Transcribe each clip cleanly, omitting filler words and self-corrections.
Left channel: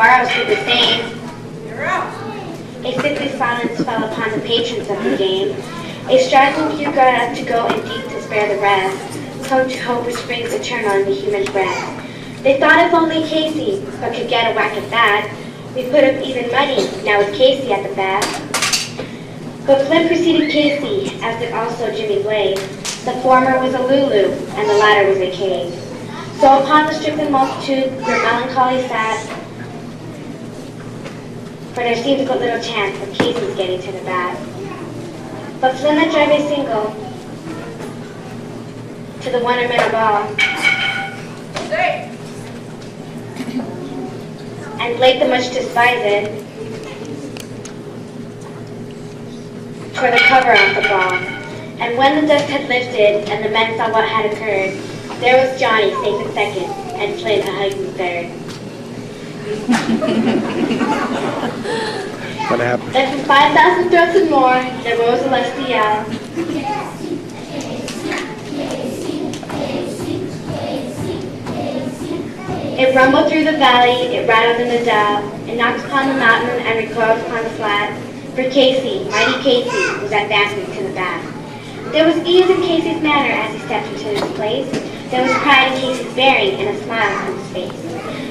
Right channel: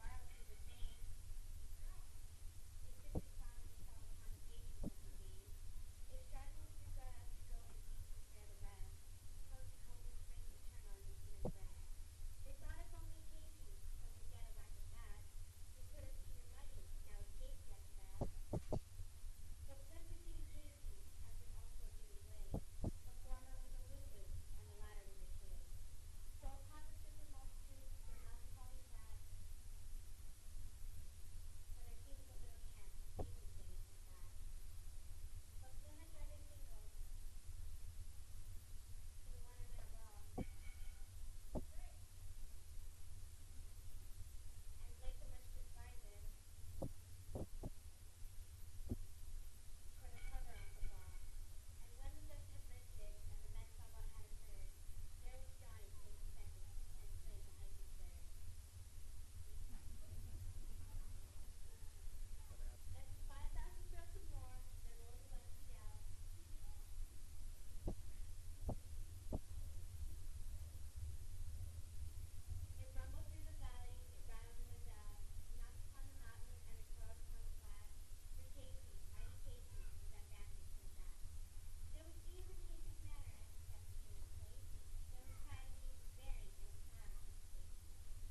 Navarros did the same. A sickly silence fell upon the patrons of the game. A striking few got up to go in deep to spare the rest, come to hope which springs eternal in the human breast. They thought if only Casey but could get a whack at that, we put up even money, now with Casey at the bat. But Flynn preceded Casey, as did also Jimmy Blade. The former was a Lulu, and the latter was a cave. So upon the stricken multitude their melancholy sat, for there seems but little chance of Casey's getting to the bat. But Flynn let drive a single to the one-minute ball, and Blake the much despised tore the cover off the ball. And when the dust had lifted and the men saw what had occurred, there was Johnny safe in second and Flynn a hugging third. What happened? Then from 5,000 throats and more, there rose a lusty yell. It rumbled through the valley, it rattled in the dell, it knocked upon the mountain and recoiled upon the flat. For Casey, mighty Casey, was advancing to the bat. There was ease in Casey's manner as he stepped into his place. There was pride in Casey's bearing and a smile on his face.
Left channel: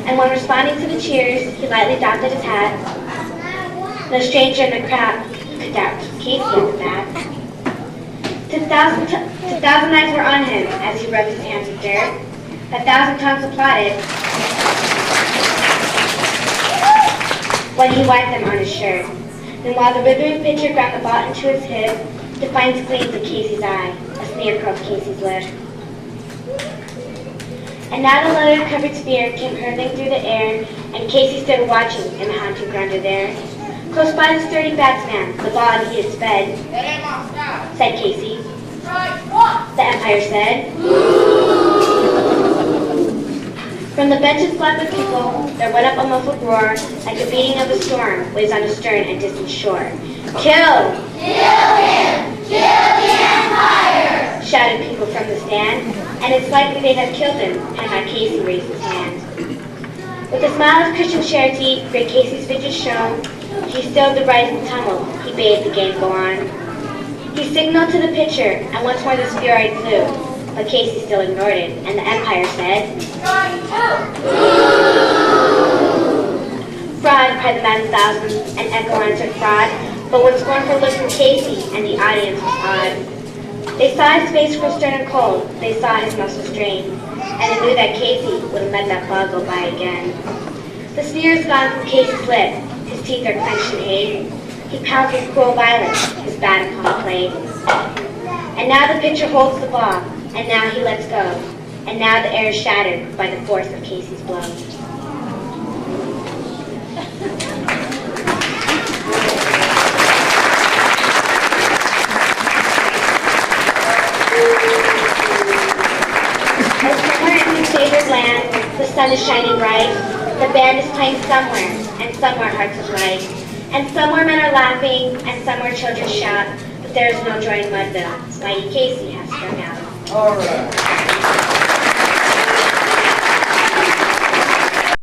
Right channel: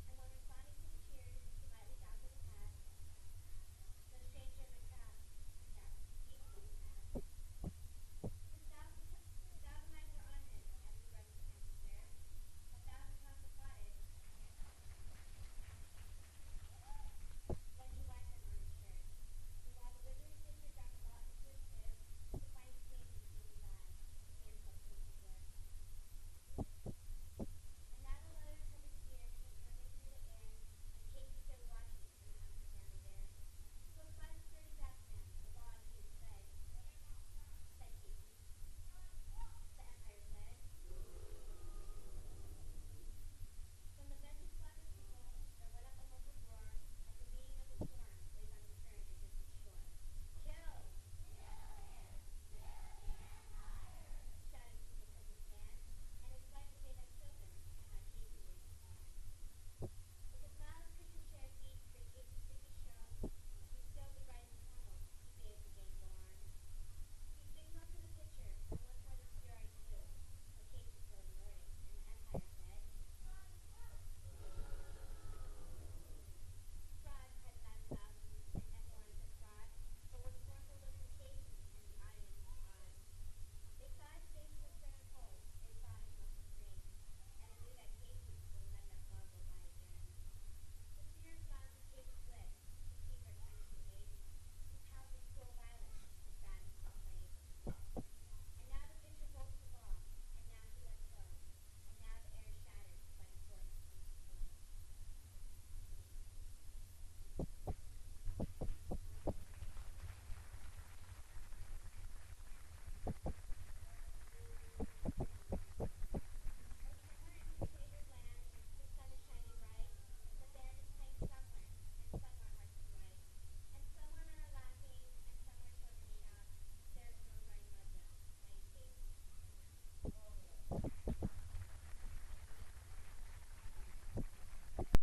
And when responding to the cheers, he lightly doffed his hat. No stranger in the crowd could doubt Casey at the bat. 2,000 eyes were on him as he rubbed his hands with dirt. 1,000 tongues applauded when he wiped them on his shirt. Then while the ribbon pitcher ground the ball into his hip, defiance gleamed in Casey's eye, a sneer curled Casey's lip. And now the leather-covered sphere came hurtling through the air, and Casey stood watching in the haunted grandeur there. Close by the sturdy batsman, the ball he had sped, said Casey. The umpire said. From the benches black with people, there went up a muffled roar, like the beating of a storm waves on a stern and distant shore. Kill! Kill him! Kill the Empire! Shouted people from the stand, and it's likely they'd have killed him had not Casey raised his hand. With a smile of Christian charity, great Casey's visage shone. He stilled the rising tumult, he bade the game go on. He signaled to the pitcher, and once more the spheroid flew, but Casey still ignored it, and the umpire said, Fraud, cried the maddened thousands, and echo answered fraud, but one scornful look from Casey, and the audience was awed. They saw his face grow stern and cold, they saw his muscles strain, and they knew that Casey wouldn't let that ball go by again. The sphere is gone from Casey's lip, his teeth are clenched in hate. He pounds with cruel violence, his bat upon the plate. And now the pitcher holds the ball, and now he lets go, and now the air is shattered by the force of Casey's blow. As somewhere in his favored land, the sun is shining bright, the band is playing somewhere, and somewhere hearts is light. And somewhere men are laughing, and somewhere children shout, but there is no joy in Mudville. Mighty Casey has sprung out. All right.